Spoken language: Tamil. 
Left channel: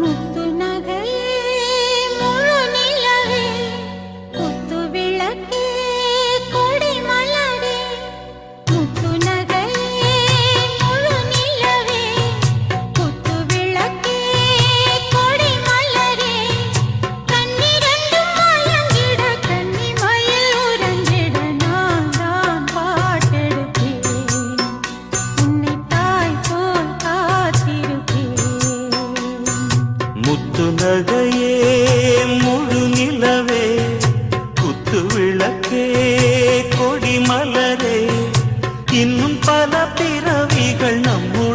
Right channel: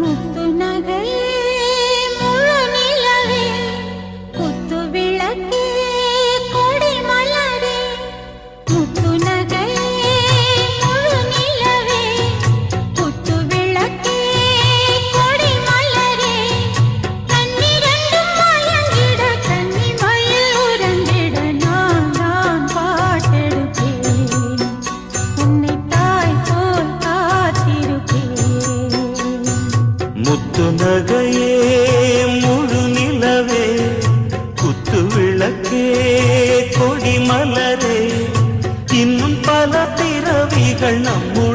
முத்து நகையே முழு நிலவே குத்து விளக்கே கொடி மலரே முத்து நகையே முழு நிலவே குத்து விளக்கே கொடி மலரே கண்ணிரண்டும் மயங்கிட கன்னி மயில் உறங்கிட நான் தான் பாட்டெடுப்பேன் உன்னை தாய் போல் காத்திருப்பேன் முத்து நகையே முழு நிலவே குத்து விளக்கே கொடி மலரே இன்னும் பல பிறவிகள் நம்முடைய